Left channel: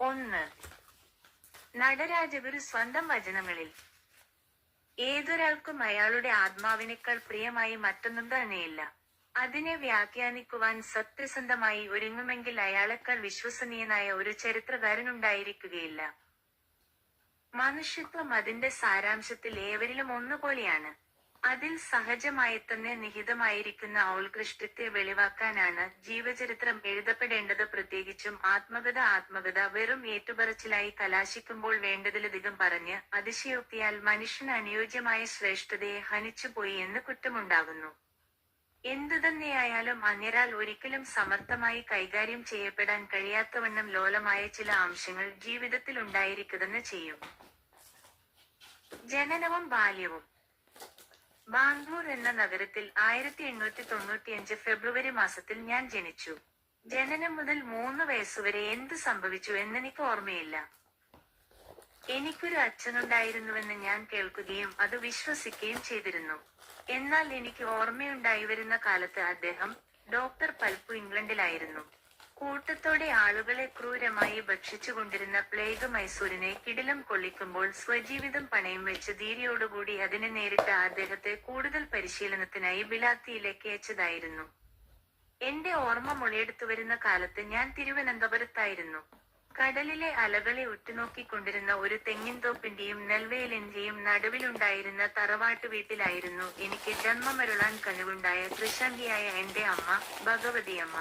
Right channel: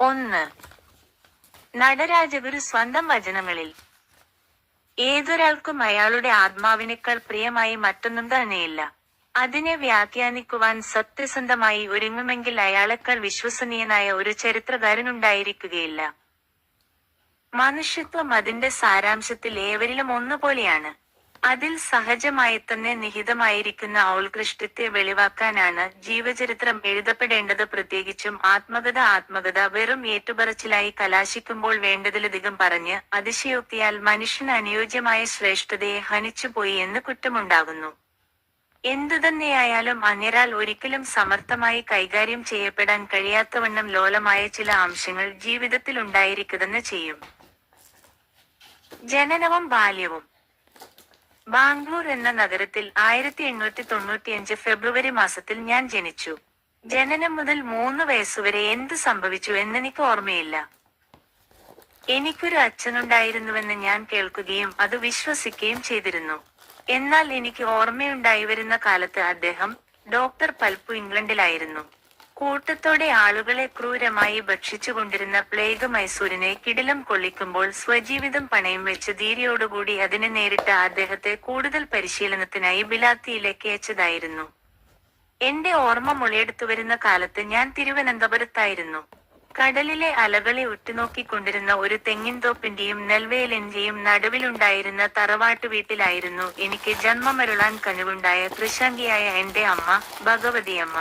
1. നടരാജഗുരു സ്വന്തം വചനങ്ങളിൽ ഏതൊരാൾക്കും അയാളുടെ ആത്മാവിനേക്കാൾ പ്രിയമായി മറ്റൊന്നും തന്നെയില്ല. അതിനെ വ്യാഖ്യാനിക്കുവാൻ സത്യസന്ധമായി ഒരുങ്ങുമെങ്കിൽ അയാളെക്കാൾ വിശ്വസനീയനായ ഒരു ചരിത്രകാരനുണ്ടായിരിക്കുകയില്ല. മനുഷ്യത്വം അതിന്റെ സാരാംശത്തിൽ ഏവരിലും ഒന്നുപോലെയാണ്. അതിൽ സഹജമായി തന്നെ നിഹിതമായിരിക്കുന്ന ഔത്കൃഷ്ടത്തെ വെളിവാക്കാനാണ് ജീവചരിത്രം എഴുതപ്പെടേണ്ടത്. പ്രത്യേകിച്ചും ആത്മകഥ വെറും ഏറ്റുപറച്ചിലായി കലാശിക്കുമ്പോൾ വേണ്ടതിലധികം പറഞ്ഞ് അതിശയോക്തിയാൽ മനുഷ്യന് അനുയോജ്യമായ ശ്രേഷ്ഠതയെ ഹനിച്ചുപോയി എന്ന് കുറ്റമുണ്ടാകുന്നു. എന്തുതന്നെയായാലും അന്യരാൽ ഒരിക്കലും സമർത്ഥമായി കൈകാര്യം ചെയ്യപ്പെടാൻ കഴിയാത്തവണ്ണം ലോലമായ ചില അംശങ്ങൾ ജീവിതത്തിൽ ഉണ്ടായിരിക്കുതെന്ന് ചെയ്യും. ജനനവും ബാല്യവും. ബാംഗ്ലൂർ എന്ന നഗരത്തിൽ 1895 ഫെബ്രുവരി മാസത്തിൽ ഞാൻ ജനിച്ചു. ജനനം മുതൽ 3 വയസ്സുവരെ എന്ത് സംഭവിച്ചു എന്നെനിക്ക് ഓർമ്മയില്ല. എനിക്കൊരു അച്ഛനുണ്ടായിരുന്നുവെന്ന് ഞാൻ കേൾക്കുകയും അത് വിശ്വസിക്കുകയും ചെയ്തിരുന്നു. എന്നാൽ എനിക്ക് ഓർമ്മയുണ്ടായി വരുന്ന കാലത്ത് അദ്ദേഹം ഡോക്ടർ പൽപ്പു ഇംഗ്ലണ്ടിലായിരുന്നു. കൂട്ടത്തോടെ ആളുകളെ ക്രൂരമായി ഭക്ഷിച്ചുകൊണ്ടിരുന്ന പ്ലേഗ് മൈസൂരിനെ കിടിലം കൊള്ളിക്കുമ്പോൾ സ്വജീവിതം പണയം വെച്ച് ധീരയോടുകൂടി അതിനെ നേരിട്ട അദ്ദേഹത്തെ കൂടുതൽ പരിശീലനത്തിനായി ബിലാത്തിയിലേക്ക് അയച്ചതായിരുന്നു. എന്റെ ഓർമ്മ മുളയെടുത്തുവരുന്ന കാലത്ത് ഞാൻ തിരുവനന്തപുരത്തായിരുന്നു. കടലിലെ അലകളെ ഉറ്റുനോക്കിക്കൊണ്ടിരുന്ന ഒരു തെങ്ങിൻതോപ്പിന്റെയും നെൽവയലിന്റെയും നടുവിലുണ്ടായിരുന്ന തറവാട്ടു വീട്ടിലായിരുന്നു എനിക്ക് ജന്മമരുളാൻ കഴിവുണ്ടായ കൃശാംഗിയായ എന്റെ അമ്മ, ഭഗവതിയമ്മ.